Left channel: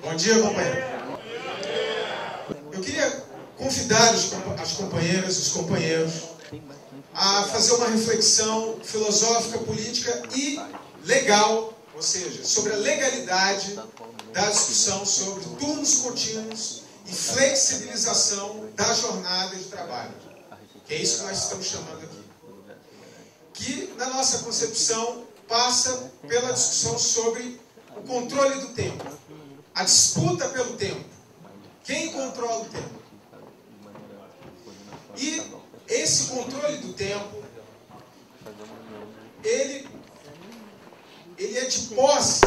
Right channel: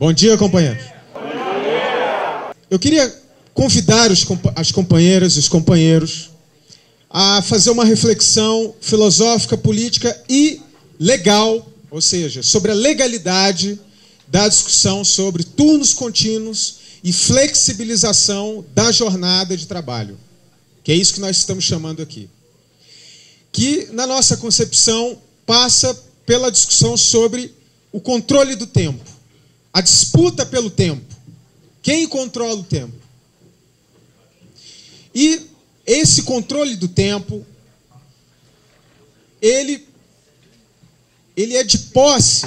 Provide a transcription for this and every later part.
Bom dia, companheiros. Eu queria convidar as companheiras e os companheiros a fazer uma reflexão filosófica, política e legal, ou seja, sobre a legalidade da discussão sobre turnos contínuos e flexibilização da jornada de trabalho, que é isso que nós estamos chamando aqui. Que, na nossa concepção, passa pela discussão sobre o controle do tempo, a disputa pelo tempo. Quem controla o tempo? E esse controle do tempo, ele é de posse,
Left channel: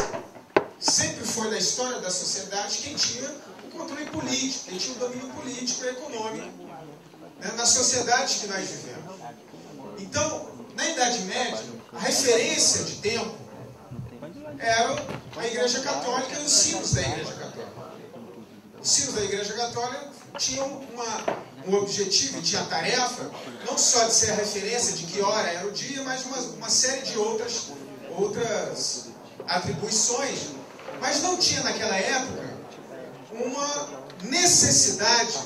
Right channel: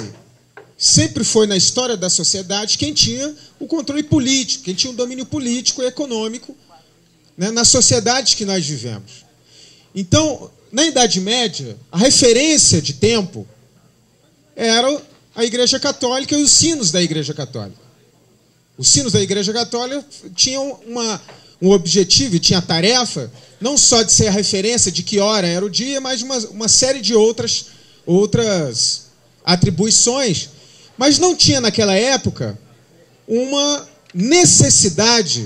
sempre foi na história da sociedade quem tinha o controle político, quem tinha o domínio político e econômico, né, na sociedade que nós vivemos. Então, na Idade Média, a referência de tempo era a Igreja Católica e os sinos da Igreja Católica. Os sinos da Igreja Católica tinham um objetivo e tinha a tarefa não só de ser a referência de que hora era o dia, mas uma série de outras atribuições. Mas não tinha naquela época uma necessidade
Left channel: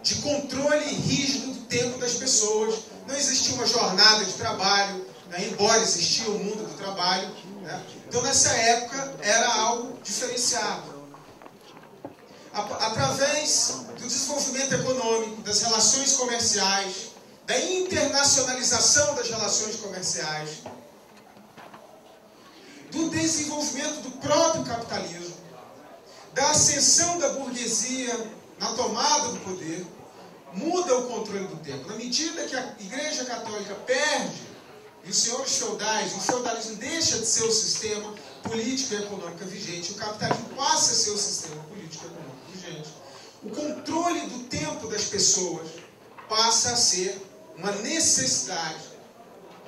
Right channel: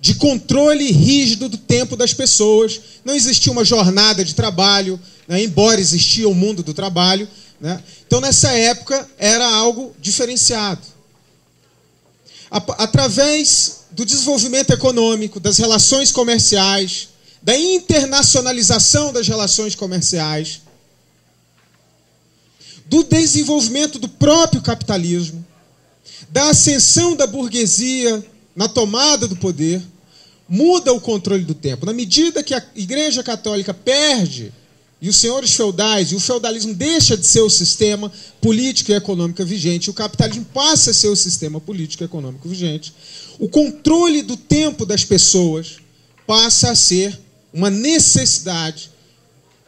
de controle rígido do tempo das pessoas. Não existia uma jornada de trabalho, né, embora existia o mundo do trabalho, né? Então, nessa época, era algo diferenciado. Através do desenvolvimento econômico, das relações comerciais, da internacionalização das relações comerciais, do desenvolvimento do próprio capitalismo, da ascensão da burguesia na tomada do poder, muda o controle do tempo. Na medida que a Igreja Católica perde, e os senhores feudais, e o feudalismo deixa de ser o sistema político e econômico vigente, o capitalismo passa a ser o sistema político e econômico vigente, o controle do tempo das pessoas passa a ser uma necessidade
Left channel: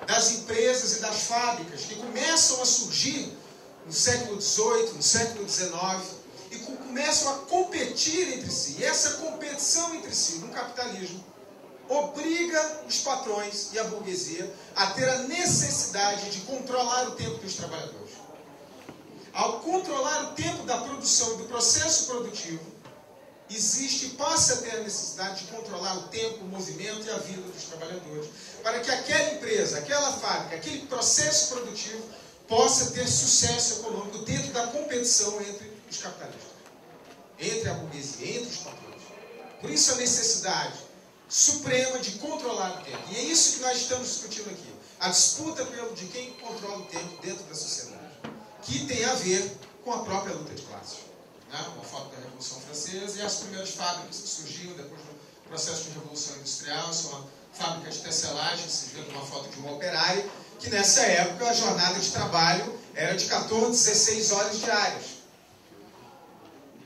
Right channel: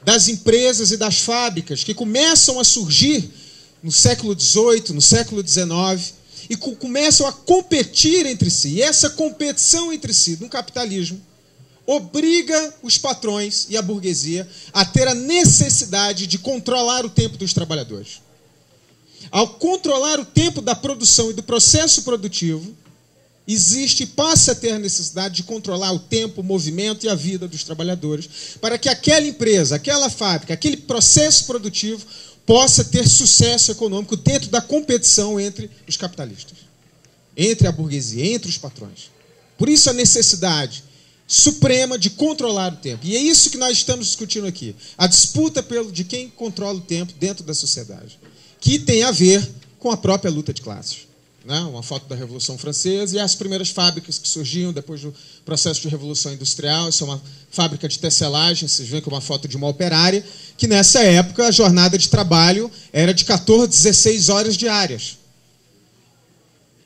das empresas e das fábricas que começam a surgir no século XVIII, no século XIX, e começam a competir entre si. E essa competição entre si no capitalismo obriga os patrões e a burguesia a ter a necessidade de controlar o tempo dos trabalhadores. Ao controlar o tempo da produção e do processo produtivo, existe e passa a ter a necessidade de controlar o tempo, o movimento e a vida dos trabalhadores, para que aquela empresa, aquela fábrica, aquele processo produtivo possa ter sucesso econômico dentro da competição entre os capitalistas, entre a burguesia, entre os patrões. Por isso a necessidade suprema de controlar o tempo. E é isso que nós estamos discutindo aqui. A disputa de quem controla o tempo dentro da sociedade, que tem a ver com a própria luta de classes. Né? Uma foto da Revolução Francesa e as primeiras fábricas que surgiam depois do processo de Revolução Industrial. Isso é uma fábrica de tecelagem, vocês veem que é uma foto de uma operária, que nessa época a jornada de trabalho era de 14, 16 horas diárias.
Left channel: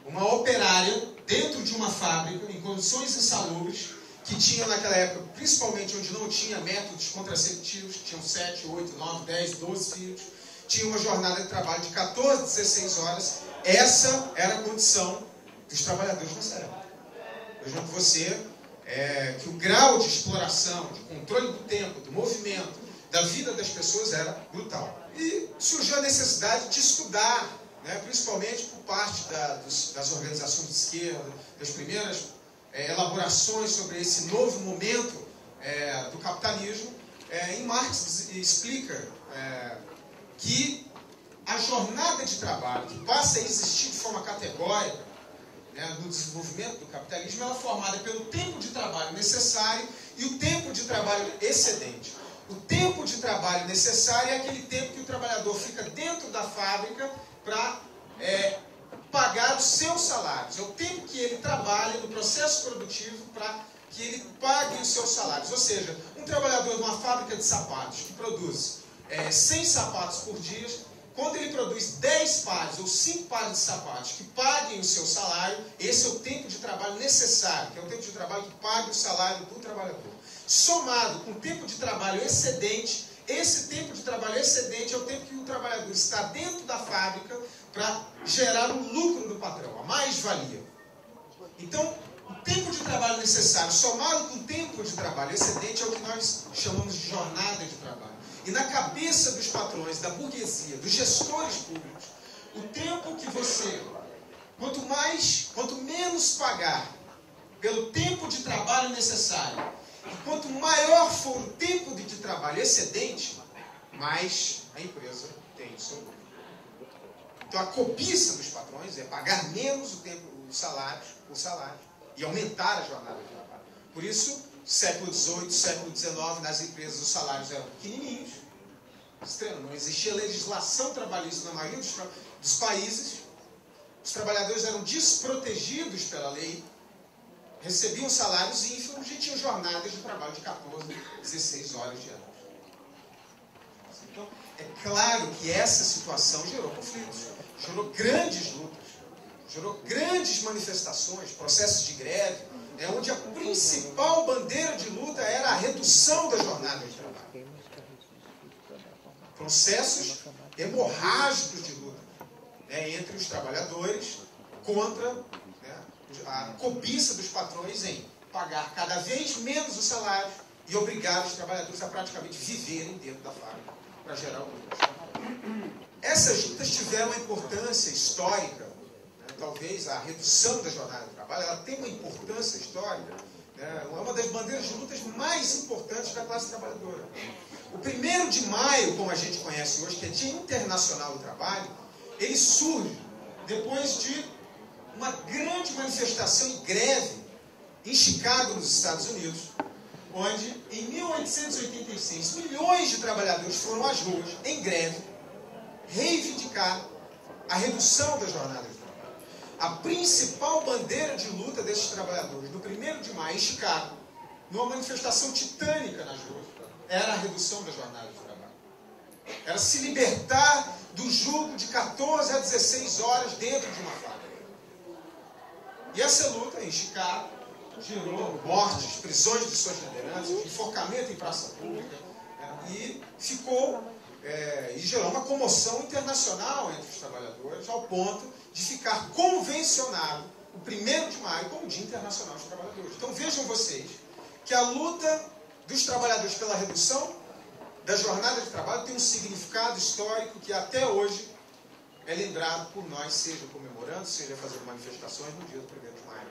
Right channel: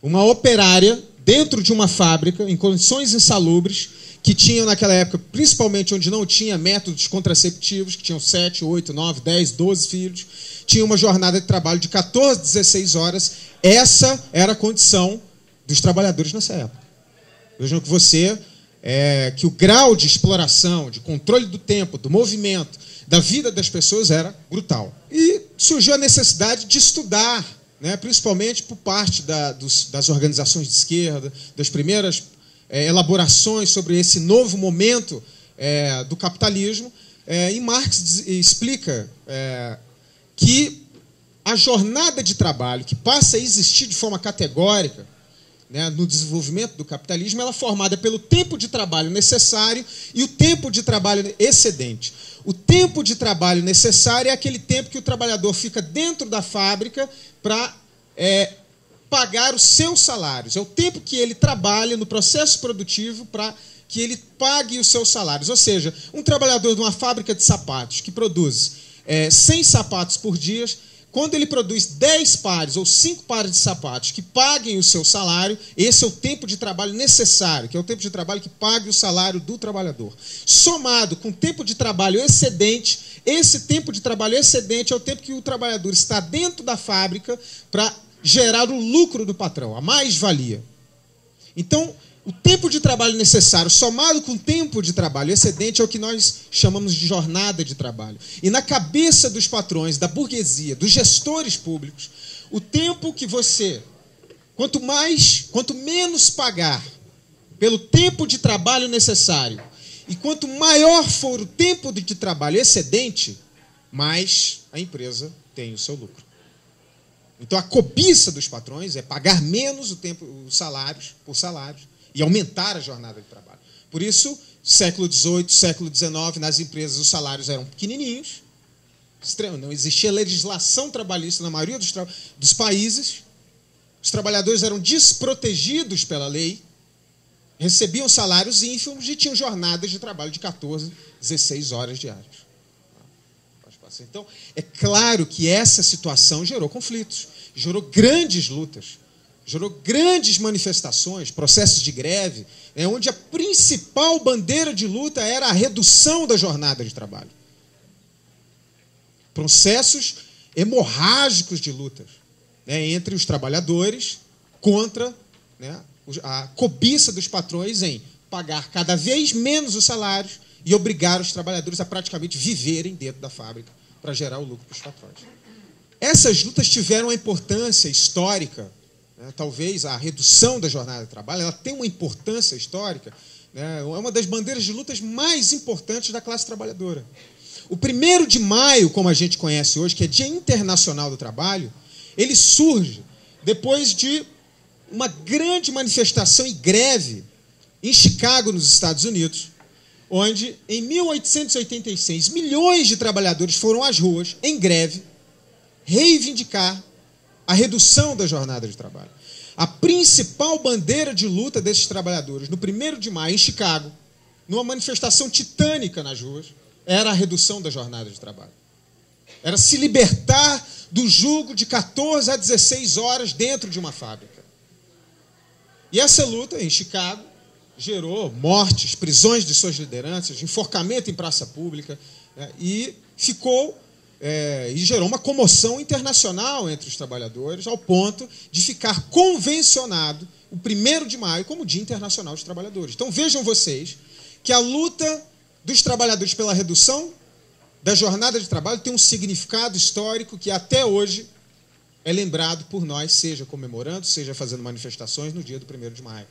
Uma operária dentro de uma fábrica, em condições insalubres, que tinha naquela época, principalmente onde não tinha métodos contraceptivos, que tinham 7, 8, 9, 10, 12 filhos, tinha uma jornada de trabalho de 14, 16 horas. Essa era a condição dos trabalhadores nessa época. Vejam que o grau de exploração, de controle do tempo, do movimento, da vida das pessoas era brutal. E surgiu a necessidade de estudar, né, principalmente por parte das organizações de esquerda, das primeiras elaborações sobre esse novo momento do capitalismo, e Marx explica que a jornada de trabalho que passa a existir de forma categórica, né, no desenvolvimento do capitalismo, ela é formada pelo tempo de trabalho necessário e o tempo de trabalho excedente. O tempo de trabalho necessário é aquele tempo que o trabalhador fica dentro da fábrica para pagar os seus salários. É o tempo que ele trabalha no processo produtivo para que ele pague os seus salários. Ou seja, um trabalhador de uma fábrica de sapatos que produz 100 sapatos por dia, quando ele produz 10 pares ou 5 pares de sapatos que paguem o seu salário, esse é o tempo de trabalho necessário, que é o tempo de trabalho que pague o salário do trabalhador. Somado com o tempo de trabalho excedente, esse tempo de trabalho excedente é o tempo que o trabalhador está dentro da fábrica para gerar o lucro do patrão, a mais-valia. Então, o tempo de trabalho necessário, somado com o tempo de trabalho excedente, é o que nós chamamos de jornada de trabalho. E na cabeça dos patrões, da burguesia, dos gestores públicos, o tempo que você quanto menos pagar pelo tempo de trabalho necessário e quanto maior for o tempo de trabalho excedente, mais a empresa tem o seu lucro. Então, a cobiça dos patrões é pagar menos os salários e aumentar a jornada de trabalho. Por isso, século XVIII, século XIX, nas empresas os salários eram pequenininhos, não existia legislação trabalhista na maioria dos países, os trabalhadores eram desprotegidos pela lei, recebiam salários ínfimos e tinham jornadas de trabalho de 14, 16 horas diárias. Então, é claro que essa situação gerou conflitos, gerou grandes lutas, gerou grandes manifestações, processos de greve, onde a principal bandeira de luta era a redução da jornada de trabalho. Processos hemorrágicos de lutas entre os trabalhadores contra a cobiça dos patrões em pagar cada vez menos os salários e obrigar os trabalhadores a praticamente viverem dentro da fábrica para gerar o lucro dos patrões. Essas lutas tiveram uma importância histórica, talvez a redução da jornada de trabalho, ela tem uma importância histórica, é uma das bandeiras de lutas mais importantes da classe trabalhadora. O 1º de maio, como a gente conhece hoje, que é Dia Internacional do Trabalho, ele surge depois de uma grande manifestação e greve em Chicago, nos Estados Unidos, onde, em 1886, milhões de trabalhadores foram às ruas, em greve, reivindicar a redução da jornada de trabalho. A principal bandeira de luta desses trabalhadores, no 1º de maio, em Chicago, numa manifestação titânica nas ruas, era a redução da jornada de trabalho. Era se libertar do jugo de 14 a 16 horas dentro de uma fábrica. E essa luta, em Chicago, gerou mortes, prisões de suas lideranças, enforcamento em praça pública, e gerou uma comoção internacional entre os trabalhadores, ao ponto de ficar convencionado o 1º de maio como Dia Internacional dos Trabalhadores. Então vejam vocês que a luta dos trabalhadores pela redução da jornada de trabalho tem um significado histórico que até hoje é lembrado por nós, seja comemorando, seja fazendo manifestações no dia do 1º de maio.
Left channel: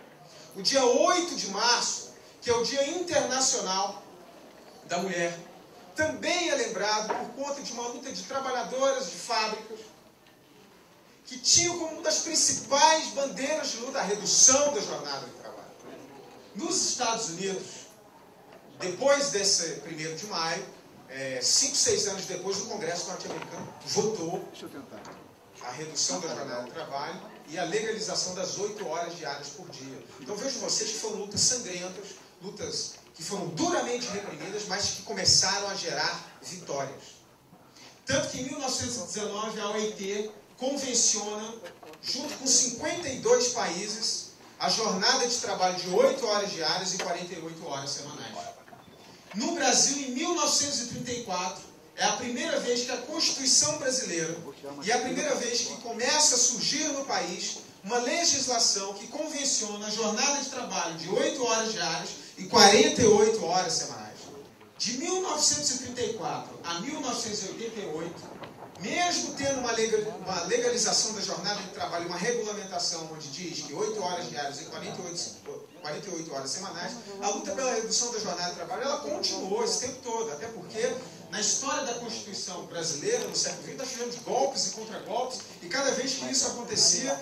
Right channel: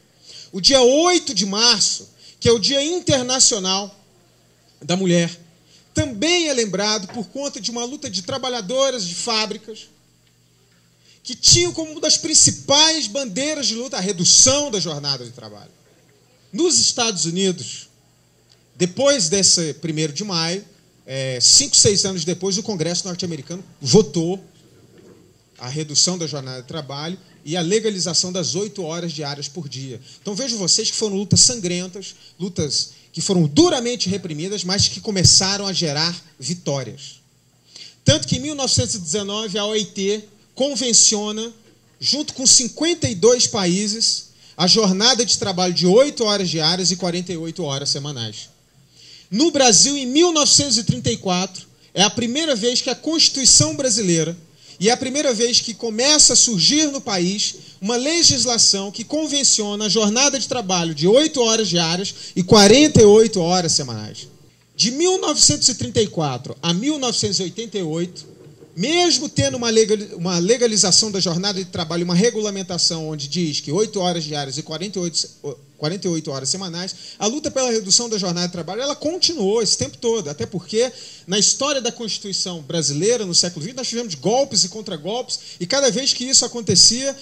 O dia 8 de março, que é o Dia Internacional da Mulher, também é lembrado por conta de uma luta de trabalhadoras de fábricas que tinham como uma das principais bandeiras de luta a redução da jornada de trabalho. Nos Estados Unidos, depois desse 1º de maio, 5, 6 anos depois, o Congresso norte-americano votou a redução da jornada de trabalho e a legalização das 8 horas diárias por dia. Então vejam vocês que foram lutas sangrentas, lutas que foram duramente reprimidas, mas que começaram a gerar vitórias. Tanto que em 1919 a OIT convenciona, junto com 52 países, a jornada de trabalho de 8 horas diárias e 48 horas semanais. No Brasil, em 1934, é a primeira vez que a Constituição brasileira, e é a primeira vez que começa a surgir no país uma legislação que convenciona a jornada de trabalho de 8 horas diárias e 48 horas semanais. De 1934 a 1988, mesmo tendo uma legalização da jornada de trabalho, uma regulamentação onde diz que 8 horas diárias e 48 horas semanais, a luta pela redução da jornada de trabalho ela continuou esse tempo todo, até porque na história da Constituição brasileira, no século XX, nós tivemos golpes e contragolpes, e cada vez que isso acontecia,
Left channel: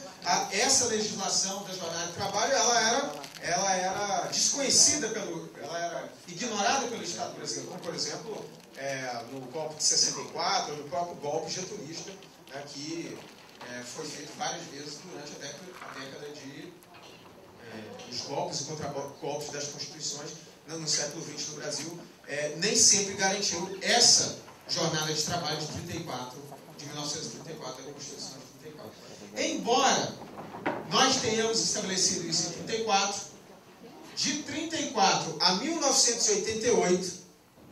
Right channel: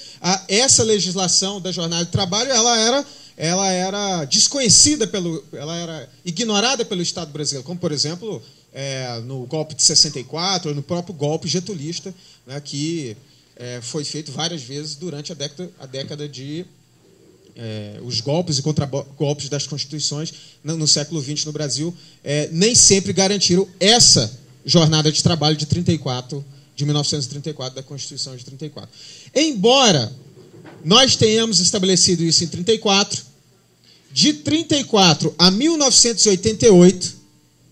essa legislação da jornada de trabalho ela era desconhecida, ela era ignorada pelo Estado brasileiro, como, por exemplo, no golpe de 64, ou no próprio golpe getulista, né, que foi feito várias vezes durante a década de... os golpes e contragolpes das constituições no século XX no Brasil nem sempre garantiram essa jornada de trabalho de 1934, da Constituição de 34. Embora nós tenhamos estabelecido isso em 34, de 34 a 1988,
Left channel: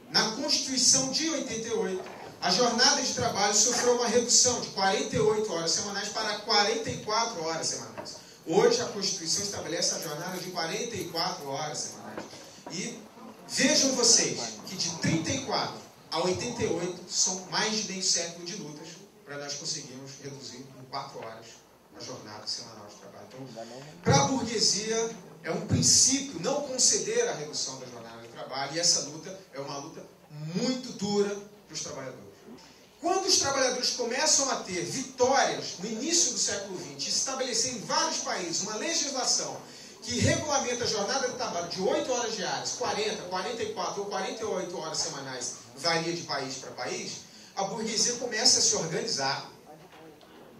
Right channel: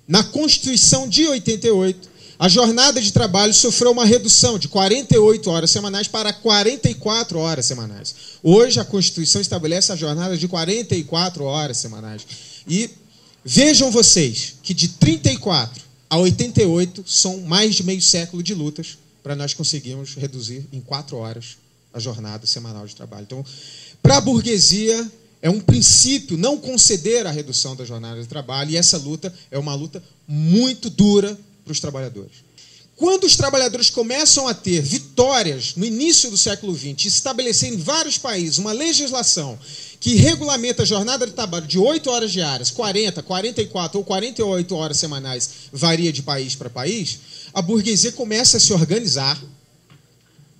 na Constituição de 88, a jornada de trabalho sofreu uma redução de 48 horas semanais para 44 horas semanais. Hoje, a Constituição estabelece a jornada de 44 horas semanais. E vejam vocês que de 34 a 88 são mais de meio século de lutas para nós conseguirmos reduzir em 4 horas a jornada semanal de trabalho. Então, para a burguesia, é um princípio não conceder a redução da jornada de trabalho, e essa luta é uma luta muito dura para os trabalhadores. Quando os trabalhadores começam a ter vitórias no início do século XX, estabelecer em vários países uma legislação que regulamenta a jornada de trabalho de 8 horas diárias, 40, 44 ou 48 horas semanais, varia de país para país, a burguesia começa a se organizar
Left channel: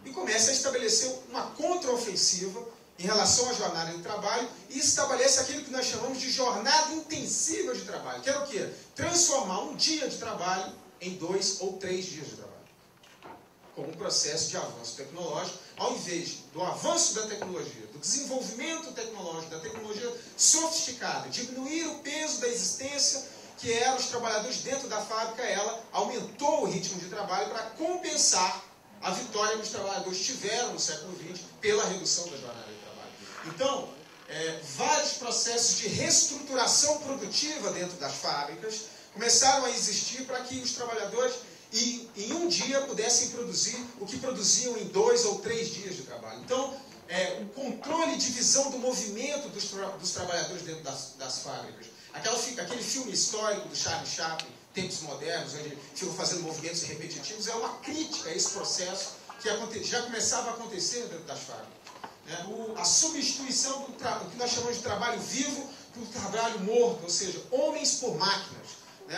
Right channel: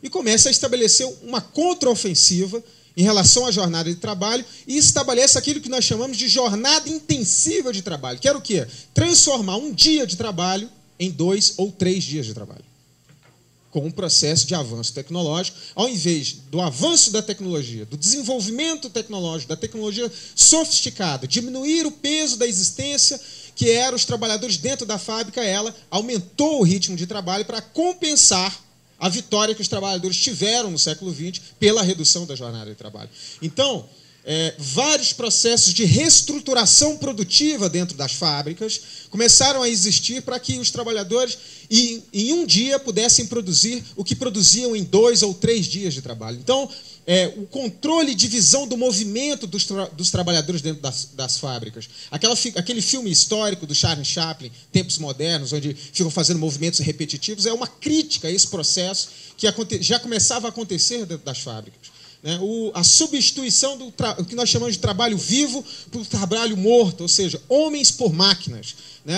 e começa a estabelecer uma contraofensiva em relação à jornada de trabalho e estabelece aquilo que nós chamamos de jornada intensiva de trabalho, que era o quê? Transformar um dia de trabalho em 2 ou 3 dias de trabalho. Com um processo de avanço tecnológico, ao invés do avanço da tecnologia, do desenvolvimento tecnológico, da tecnologia sofisticada, diminuir o peso da existência que eram os trabalhadores dentro da fábrica, ela aumentou o ritmo de trabalho para compensar a vitória que os trabalhadores tiveram no século XX pela redução da jornada de trabalho. Então, vários processos de reestruturação produtiva dentro das fábricas começaram a existir para que os trabalhadores, em um dia, pudessem produzir o que produziam em 2 ou 3 dias de trabalho. Então, o controle e divisão do movimento dos trabalhadores dentro das fábricas. Aquele filme histórico do Charlie Chaplin, Tempos Modernos, onde ficam fazendo movimentos repetitivos, é uma crítica a esse processo que já começava a acontecer dentro das fábricas. A substituição do que nós chamamos de trabalho vivo por trabalho morto, ou seja, homens por máquinas.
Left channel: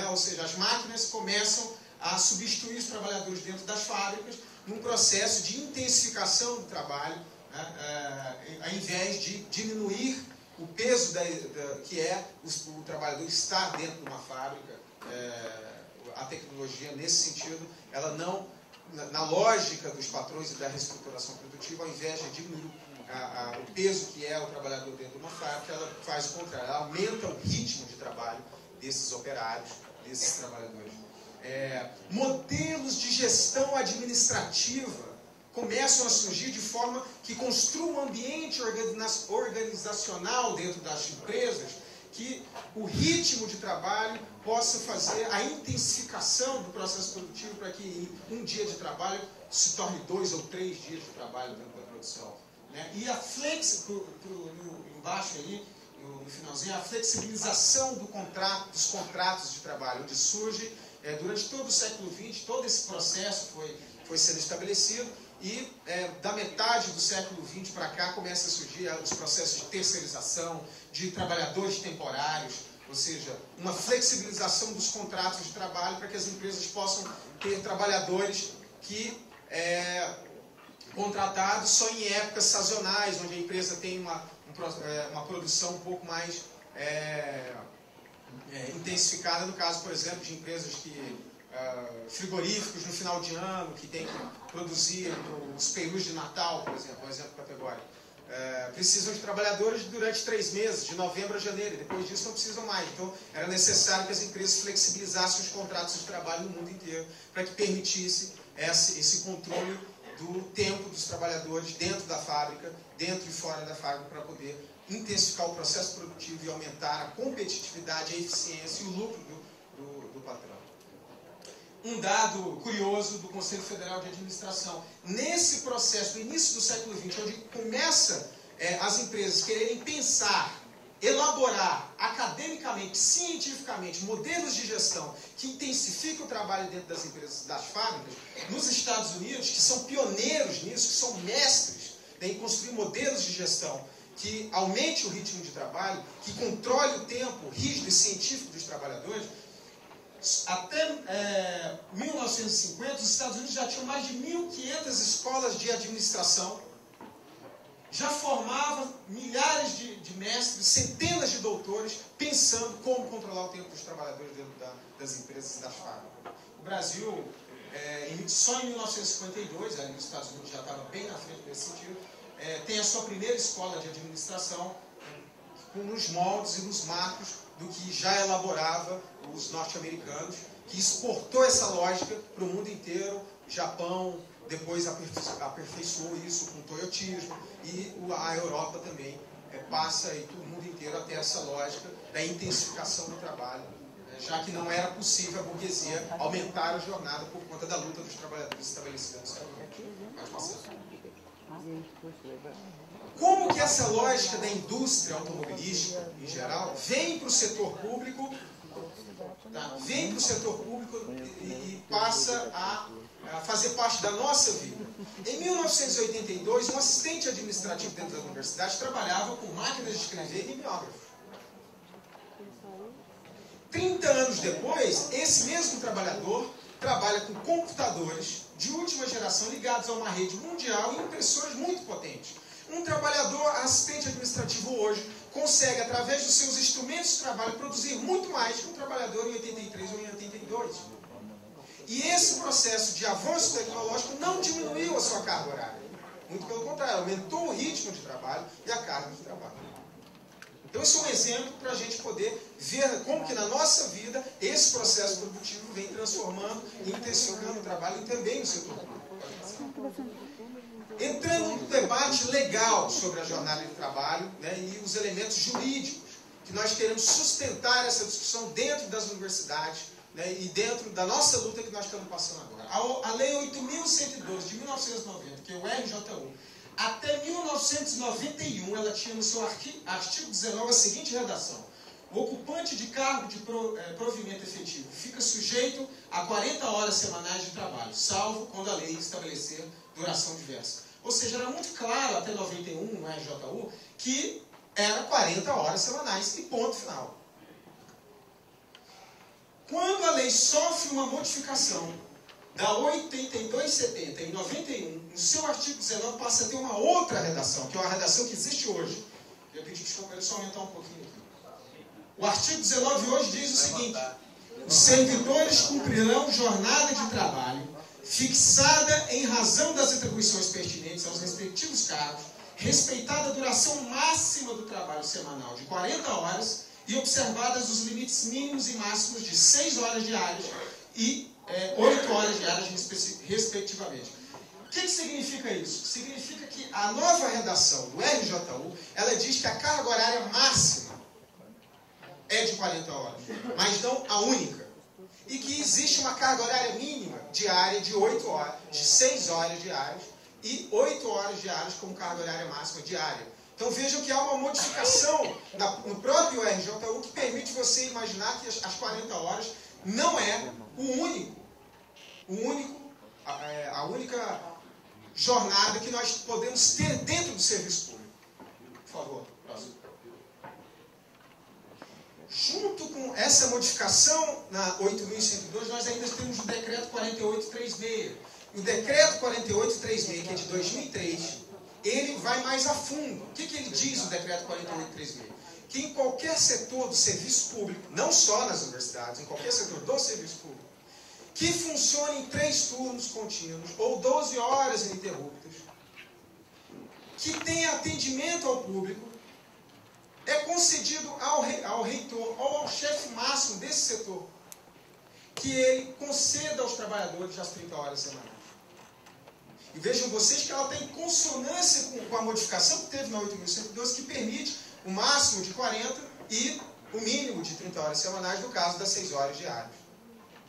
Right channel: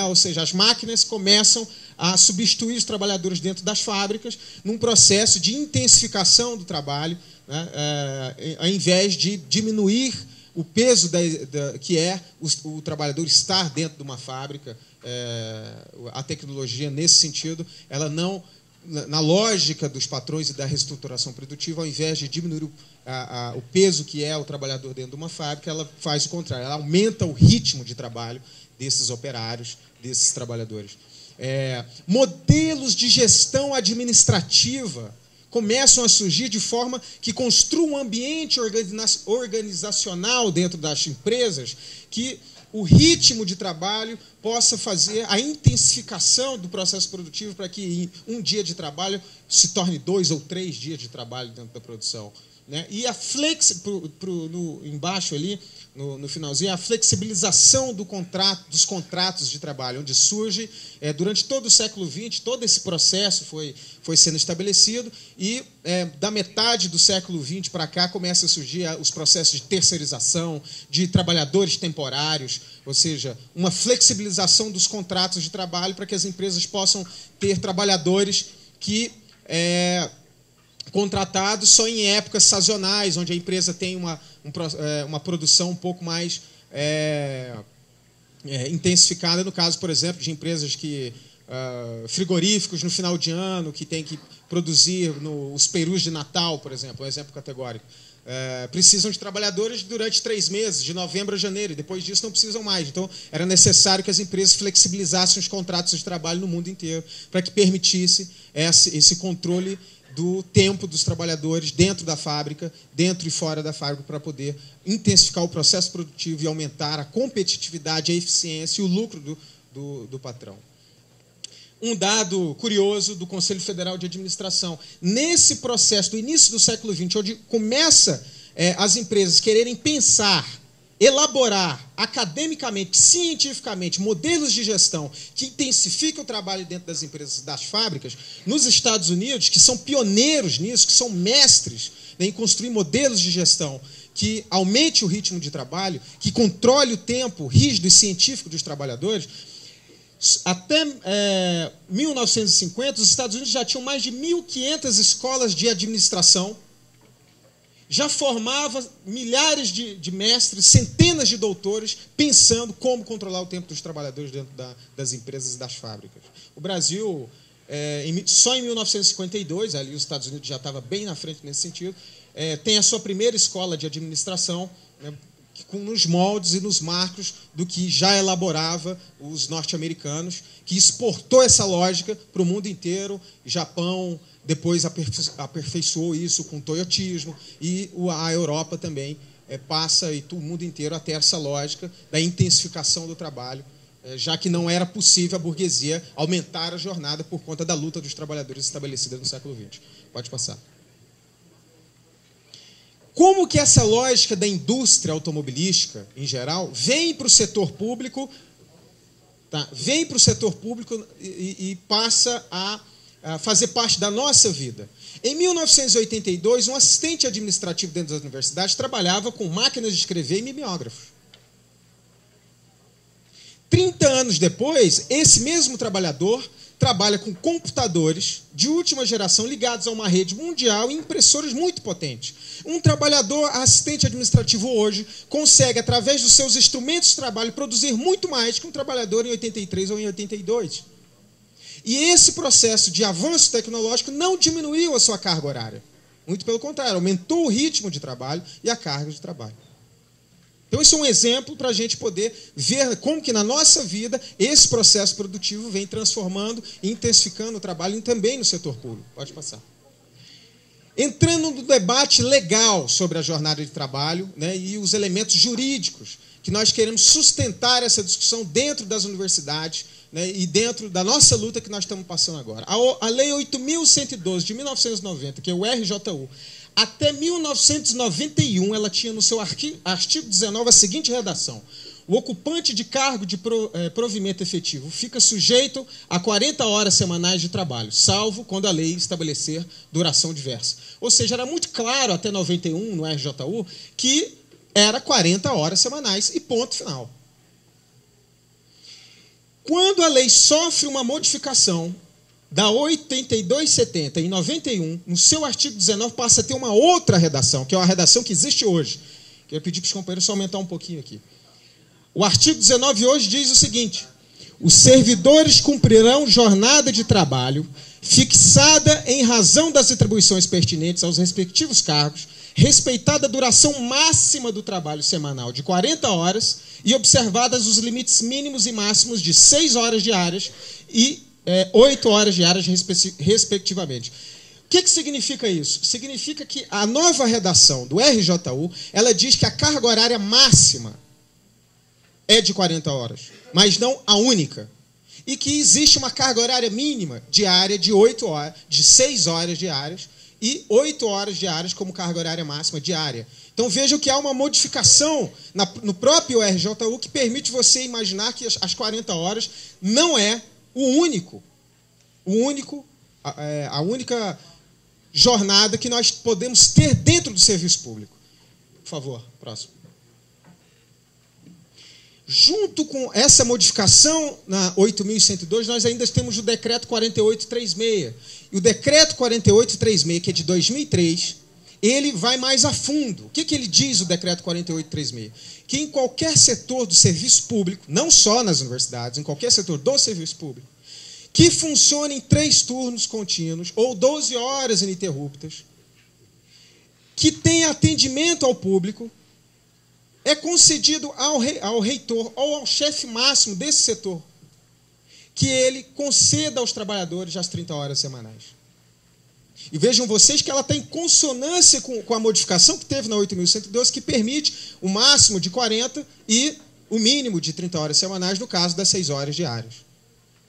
Ou seja, as máquinas começam a substituir os trabalhadores dentro das fábricas num processo de intensificação do trabalho, ao invés de diminuir o peso que é o trabalhador estar dentro de uma fábrica. A tecnologia, nesse sentido, ela não, na lógica dos patrões e da reestruturação produtiva, ao invés de diminuir o peso que é o trabalhador dentro de uma fábrica, ela faz o contrário, ela aumenta o ritmo de trabalho desses operários, desses trabalhadores. Modelos de gestão administrativa começam a surgir de forma que construam um ambiente organizacional dentro das empresas que o ritmo de trabalho possa fazer a intensificação do processo produtivo para que um dia de trabalho se torne 2 ou 3 dias de trabalho dentro da produção. E embaixo ali, no finalzinho, a flexibilização dos contratos de trabalho, onde surge, durante todo o século XX, todo esse processo foi sendo estabelecido, e da metade do século XX para cá começa a surgir os processos de terceirização, de trabalhadores temporários, ou seja, uma flexibilização dos contratos de trabalho para que as empresas possam ter trabalhadores que contratados só em épocas sazonais, onde a empresa tem uma produção um pouco mais intensificada, no caso, por exemplo, de empresas frigoríficos no final de ano, que tem que produzir os perus de Natal, por exemplo, um exemplo categórico. Precisam de trabalhadores durante 3 meses, de novembro a janeiro, e depois disso não precisam mais. Então, era necessário que as empresas flexibilizassem os contratos de trabalho no mundo inteiro, para que permitisse esse controle do tempo dos trabalhadores dentro da fábrica, dentro e fora da fábrica, para poder intensificar o processo produtivo e aumentar a competitividade, a eficiência e o lucro do patrão. Um dado curioso do Conselho Federal de Administração. Nesse processo do início do século XX, onde começa as empresas quererem pensar, elaborar academicamente, cientificamente, modelos de gestão que intensificam o trabalho dentro das empresas, das fábricas, nos Estados Unidos, que são pioneiros nisso, que são mestres em construir modelos de gestão que aumente o ritmo de trabalho, que controle o tempo rígido e científico dos trabalhadores. Até 1950, os Estados Unidos já tinham mais de 1.500 escolas de administração, já formava milhares de mestres, centenas de doutores, pensando como controlar o tempo dos trabalhadores dentro das empresas e das fábricas. O Brasil, só em 1952, ali os Estados Unidos já estava bem na frente nesse sentido, tem a sua primeira escola de administração, nos moldes e nos marcos do que já elaborava os norte-americanos, que exportou essa lógica para o mundo inteiro, Japão, depois aperfeiçoou isso com o toyotismo, e a Europa também passa, e o mundo inteiro, a ter essa lógica da intensificação do trabalho, já que não era possível a burguesia aumentar a jornada por conta da luta dos trabalhadores estabelecida no século XX. Pode passar. Como que essa lógica da indústria automobilística, em geral, vem para o setor público, tá? Vem para o setor público e passa a fazer parte da nossa vida. Em 1982, um assistente administrativo dentro das universidades trabalhava com máquinas de escrever e mimeógrafo. 30 anos depois, esse mesmo trabalhador trabalha com computadores de última geração ligados a uma rede mundial e impressoras muito potentes. Um trabalhador assistente administrativo hoje consegue, através dos seus instrumentos de trabalho, produzir muito mais que um trabalhador em 83 ou em 82. E esse processo de avanço tecnológico não diminuiu a sua carga horária. Muito pelo contrário, aumentou o ritmo de trabalho e a carga de trabalho. Então, isso é um exemplo para a gente poder ver como que na nossa vida esse processo produtivo vem transformando e intensificando o trabalho também no setor público. Pode passar. Entrando no debate legal sobre a jornada de trabalho, né, e os elementos jurídicos que nós queremos sustentar essa discussão dentro das universidades, né, e dentro da nossa luta que nós estamos passando agora. A Lei 8.112 de 1990, que é o RJU, até 1991, ela tinha no seu artigo 19 a seguinte redação: o ocupante de cargo de provimento efetivo fica sujeito a 40 horas semanais de trabalho, salvo quando a lei estabelecer duração diversa. Ou seja, era muito claro até 91, no RJU, que era 40 horas semanais e ponto final. Quando a lei sofre uma modificação da 8270 em 91, no seu artigo 19 passa a ter uma outra redação, que é uma redação que existe hoje. Eu pedi para os companheiros só aumentar um pouquinho aqui. O artigo 19 hoje diz o seguinte: os servidores cumprirão jornada de trabalho fixada em razão das atribuições pertinentes aos respectivos cargos, respeitada a duração máxima do trabalho semanal de 40 horas e observadas os limites mínimos e máximos de 6 horas diárias e 8 horas diárias, respectivamente. O que significa isso? Significa que a nova redação do RJU, ela diz que a carga horária máxima é de 40 horas, mas não a única. E que existe uma carga horária mínima diária de 8 horas, de 6 horas diárias e 8 horas diárias como carga horária máxima diária. Então vejam que há uma modificação no próprio RJU que permite você imaginar que as 40 horas não é a única jornada que nós podemos ter dentro do serviço público. Por favor, próximo. Junto com essa modificação na 8.102, nós ainda temos o decreto 4836. E o decreto 4836, que é de 2003, ele vai mais a fundo. O que ele diz, o decreto 4836? Que em qualquer setor do serviço público, não só nas universidades, em qualquer setor do serviço público, que funcione em 3 turnos contínuos ou 12 horas ininterruptas, que tenha atendimento ao público, é concedido ao reitor ou ao chefe máximo desse setor que ele conceda aos trabalhadores as 30 horas semanais. E vejam vocês que ela está em consonância com a modificação que teve na 8.112, que permite o máximo de 40 e o mínimo de 30 horas semanais no caso das 6 horas diárias.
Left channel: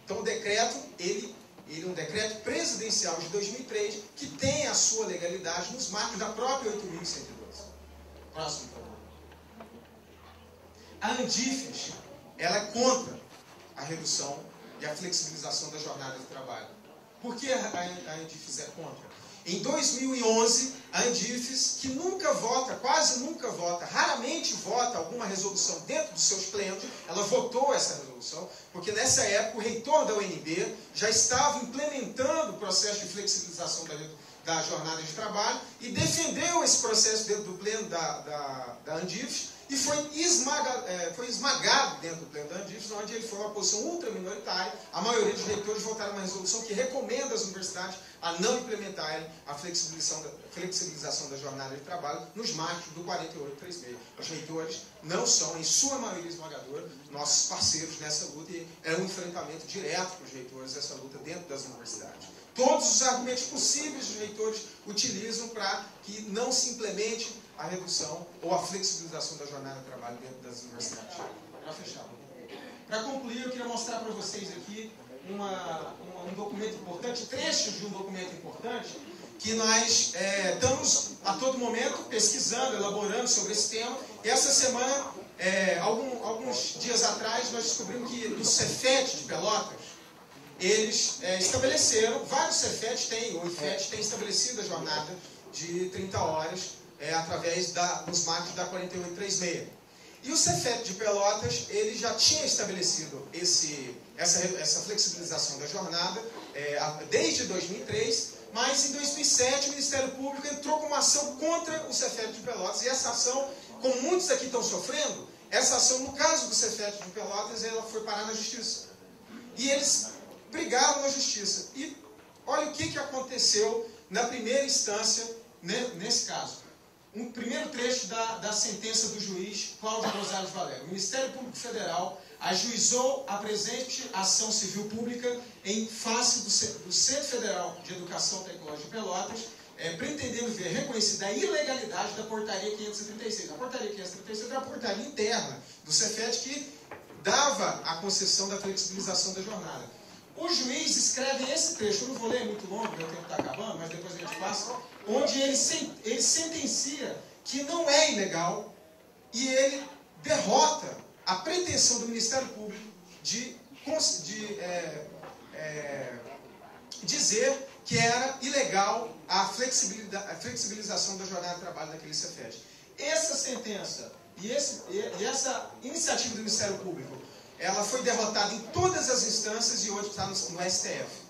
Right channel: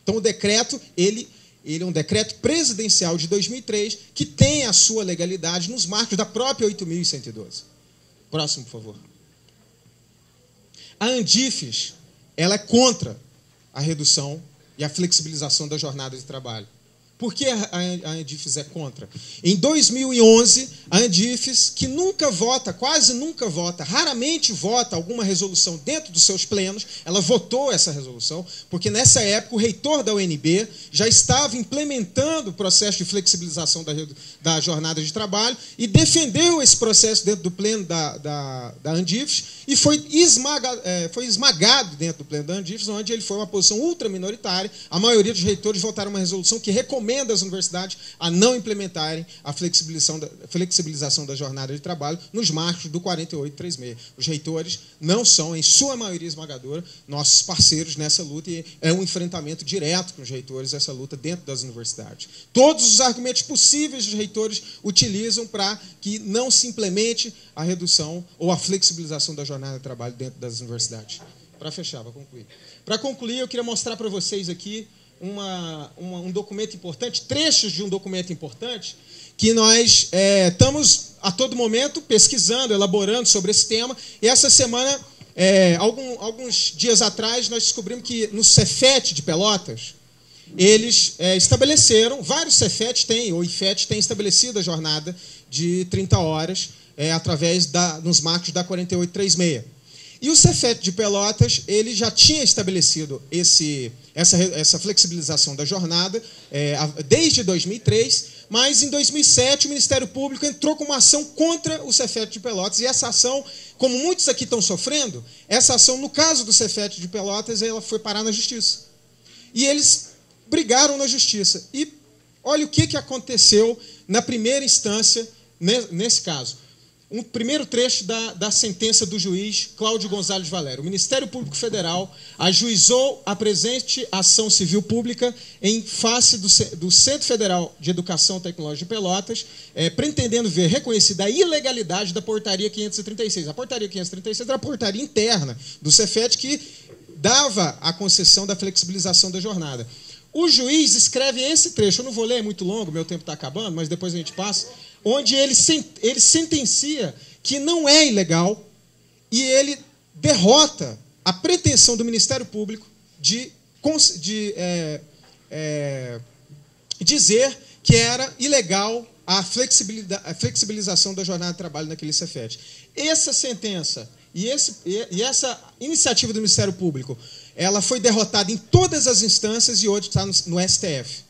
Então o decreto, ele é um decreto presidencial de 2003 que tem a sua legalidade nos marcos da própria 8.112. Próximo, por favor. A Andifes, ela é contra a redução e a flexibilização da jornada de trabalho. Por que a Andifes é contra? Em 2011, a Andifes, que nunca vota, quase nunca vota, raramente vota alguma resolução dentro dos seus plenos, ela votou essa resolução, porque nessa época o reitor da UNB já estava implementando o processo de flexibilização da jornada de trabalho e defendeu esse processo dentro do pleno da Andifes e foi esmagado dentro do pleno da Andifes, onde ele foi uma posição ultraminoritária. A maioria dos reitores votaram uma resolução que recomenda às universidades a não implementarem a flexibilização da jornada de trabalho nos marcos do 4836. Os reitores não são, em sua maioria esmagadora, nossos parceiros nessa luta e é um enfrentamento direto com os reitores essa luta dentro das universidades. Todos os argumentos possíveis os reitores utilizam para que não se implemente a redução ou a flexibilização da jornada de trabalho dentro das universidades. Para fechar, para concluir. Para concluir, eu queria mostrar para vocês aqui um documento importante, trechos de um documento importante, que nós estamos a todo momento pesquisando, elaborando sobre esse tema. E essa semana, alguns dias atrás, nós descobrimos que no Cefet de Pelotas, eles estabeleceram, vários Cefet têm, ou IFET tem estabelecido a jornada de 30 horas através nos marcos da 4836. E o Cefet de Pelotas, ele já tinha estabelecido essa flexibilização da jornada desde 2003, mas em 2007 o Ministério Público entrou com uma ação contra o Cefet de Pelotas, e essa ação, como muitos aqui estão sofrendo, essa ação, no caso do Cefet de Pelotas, ela foi parar na Justiça. E eles brigaram na Justiça. E olha o que aconteceu na primeira instância nesse caso. Um primeiro trecho da sentença do juiz Cláudio Gonzalez Valério. O Ministério Público Federal ajuizou a presente ação civil pública em face do Centro Federal de Educação Tecnológica de Pelotas, pretendendo ver reconhecida a ilegalidade da portaria 536. A portaria 536 era a portaria interna do Cefet que dava a concessão da flexibilização da jornada. O juiz escreve esse trecho, eu não vou ler, é muito longo, meu tempo está acabando, mas depois a gente passa, onde ele sentencia que não é ilegal e ele derrota a pretensão do Ministério Público de dizer que era ilegal a flexibilização da jornada de trabalho naquele Cefet. Essa sentença e essa iniciativa do Ministério Público, ela foi derrotada em todas as instâncias e hoje está no STF,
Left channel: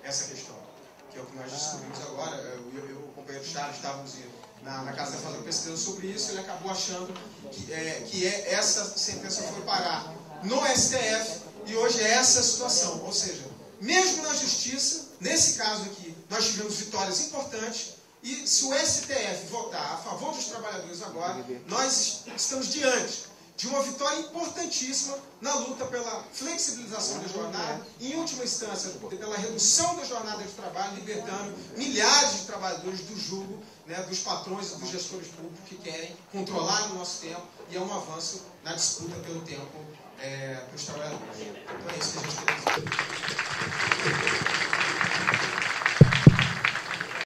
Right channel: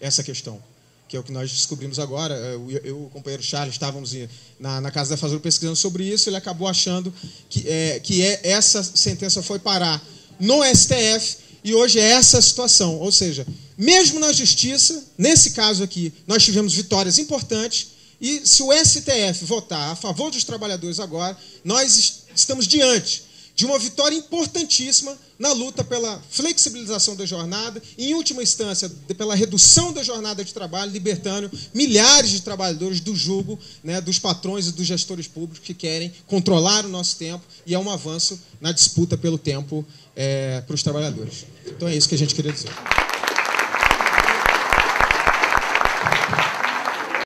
essa questão, que é o que nós descobrimos agora. Eu e o companheiro Charles estávamos na Casa da Fazenda pesquisando sobre isso, ele acabou achando que essa sentença foi parar no STF e hoje é essa situação. Ou seja, mesmo na Justiça, nesse caso aqui, nós tivemos vitórias importantes e se o STF votar a favor dos trabalhadores agora, nós estamos diante de uma vitória importantíssima na luta pela flexibilização da jornada e, em última instância, pela redução da jornada de trabalho, libertando milhares de trabalhadores do jugo, né, dos patrões e dos gestores públicos que querem controlar o nosso tempo, e é um avanço na disputa pelo tempo para os trabalhadores. Então é isso que a gente queria dizer.